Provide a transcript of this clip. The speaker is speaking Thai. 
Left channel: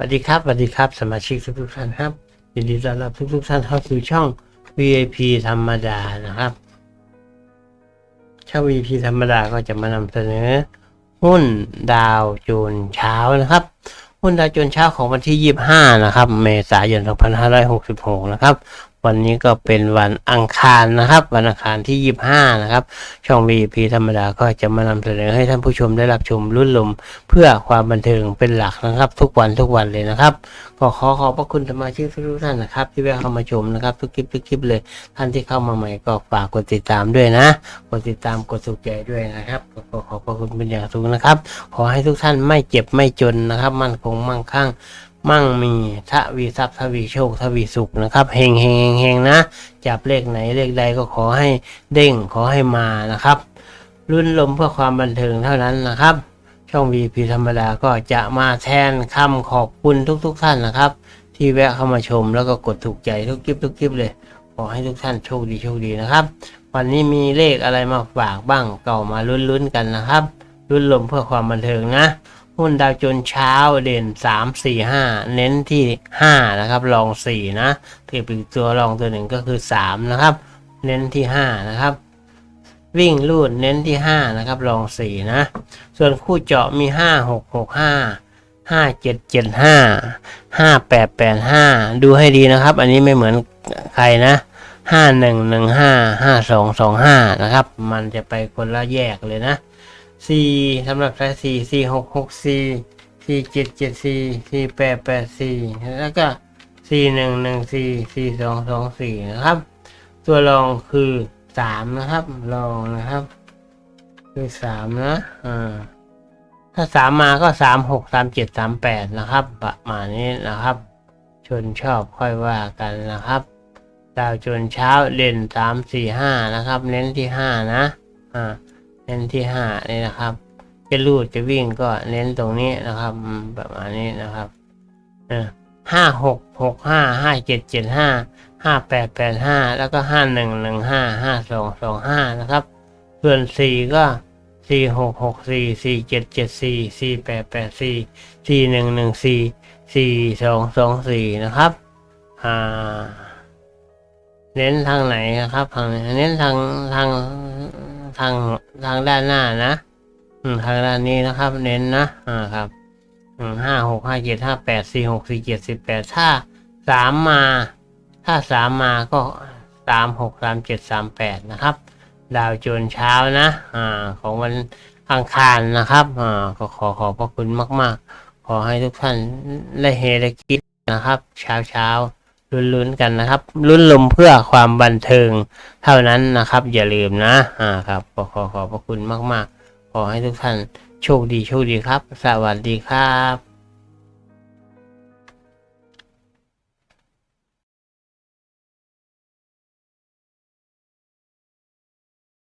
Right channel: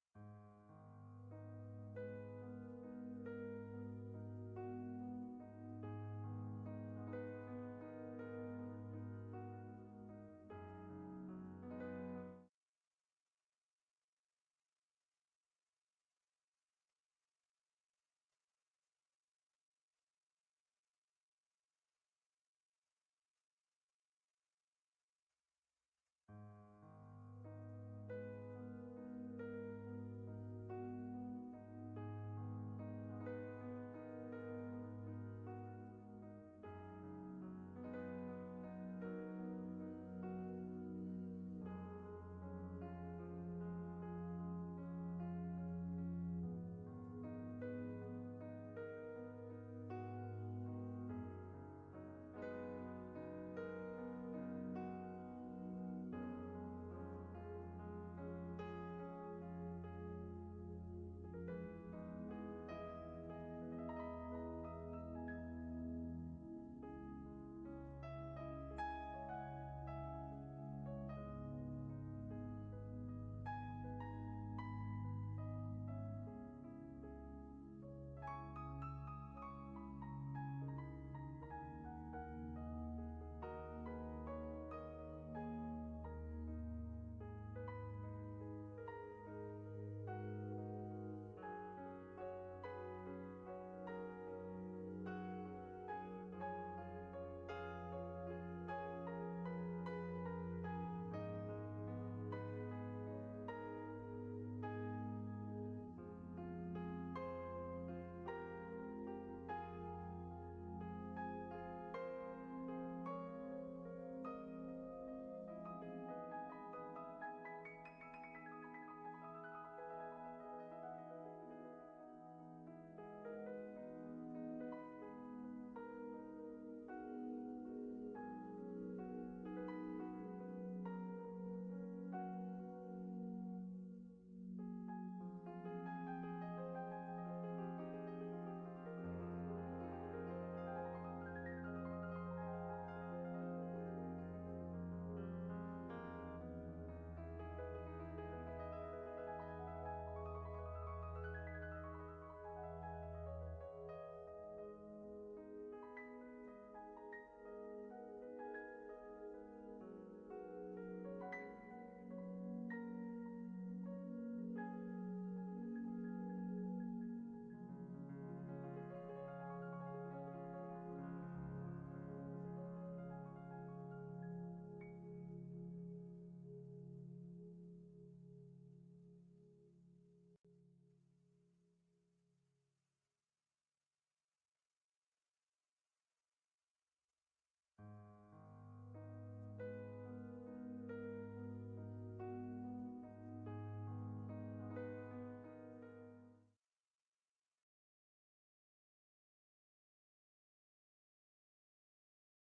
สวัสดีครับสวัสดีครับ สมาชิกทุกท่านครับยินดีต้อนรับทุกๆท่านเข้าสู่ช่อง VIP ธรรมดานะครับ ช่อง VIP ธรรมดาก็จะมานำเสนอ หุ้นดาวโจนเช้านะครับ หุ้นดาวโจนเช้าของวันที่ 25 นะครับ เมษายน 2566 นะครับ วันนี้ก็เป็นวันอังคารนะครับ วันอังคารที่ 25 นะครับ ช่อง VIP ธรรมดาก็จะมานำเสนอให้ท่านผู้ชมได้รับชมรุ่นลม เพื่อความบันเทิงเป็นหลักนะครับ ทุกวันทุกวันเลยนะครับก็ขอขอบพระคุณสมาชิกทุกท่านนะครับ ที่แวะเข้ามาชมนะครับ ทุกคลิปทุกคลิปเลยท่านที่เข้ามาใหม่ก็ฝากกดติดตามด้วยนะกดติดตามกดสุขใจด้วยนะครับก็ขอขอบพระคุณเป็นอย่างสูงนะครับ ขอให้ทุกท่านไม่เจ็บไม่จนนะครับ มั่นคงมั่งคั่ง มั่งมีทวีทรัพย์ทวีโชคทวีสุขนะครับเฮงเฮงเฮงเฮงนะ จับเลขไหนเลขใดก็ขอให้เด้งขอให้มานะครับรุ่นลมเพื่อความบันเทิงเท่านั้นนะครับ ช่อง VP ธรรมดาก็จะมาแทนคำขอบคุณทุกๆทท่านนะครับ ที่แวะเข้ามาชมแล้วก็กดถูกใจทุกคลิปทุกคลิปเลย ขอให้ทุกท่านโชคดีโชคดีนะครับ วันนี้มีเลขอะไรมาฝากบ้างก็มาลุ้นๆกันนะครับ รุ่นลมเพื่อความบันเทิงนะ หุ้นดาวโจนเช้าเด่น 3 4 5 เน้นที่ 5 นะครับรอง 4 นะเทียบอีกตัวรองตัวหนึ่งก็คือ 3 นะครับ เน้นที่ 5 นะครับ วิ่งลูดเน้นที่ 5 นะครับรอง 4 นะ ส่วนคู่เจาะมี 5 6 6 5 5 7 7 5 5 8 8 5 ดูให้ดีนะครับ อันนี้ไม่เหมือนใครนะ 5 1 1 5 5 2 2 5 นะครับ มันจะไปคนละแยกเลยนะ สี่สำหรับสายสี่สี่หกหกสี่สี่เจ็ดเจ็ดสี่สี่แปดแปดสี่แล้วก็สี่หนึ่งหนึ่งสี่สี่สองสองสี่นะครับ ตัวรองคือสามนะครับรองนะครับ คือสามนะอ่าถ้าสามมาก็สามหกสามเจ็ดสามแปดนะครับ ประมาณนี้นะครับ ชนชอบค่อยว่ากันนะครับดาวจนเช้าเด่นสามสี่ห้านะครับ เน้นที่ห้านะอ่า เน้นที่ห้านี่นะครับ จะลูดจะวิ่งก็เน้นตรงนี้นะครับ ประมาณนี้นะครับห้าหกหกห้าห้าเจ็ดเจ็ดห้าห้าแปดแปดห้าแล้วก็ห้าหนึ่งหนึ่งห้าห้าสองสองห้านะครับ ส่วนสี่ก็สี่หกหกสี่สี่เจ็ดเจ็ดสี่สี่แปดแปดสี่สี่หนึ่งหนึ่งสี่สี่สองสองสี่นะครับอ่าเน้นทางไหนนะครับทางเน้นทางทาง ทางทางด้านหน้านะ อืมทางด้านนี้นะครับ เน้นนะ อ่าครับอืมห้าหกห้าเจ็ดห้าแปดสี่หกสี่เจ็ดสิบแปดถ้าสามมา ถ้าสามมาก็สามหกสามเจ็ดสามแปดนะครับ ดาวโจนเช้านะ อ่า ของวันอังคารนะครับ อ่า ก็ขอขอบพระคุณมาก ๆ ขอให้ทุกท่านได้เฮได้คิดนะครับ เช้าเช้า ลุ้นๆกันนะครับ ลุ้นลมเพื่อความบันเทิงเท่านั้นนะครับ อย่าลืมนะอ่าครับขอขอขอบพระคุณมากๆ ขอให้ทุกท่านโชคดีโชคดีครับ สวัสดีครับ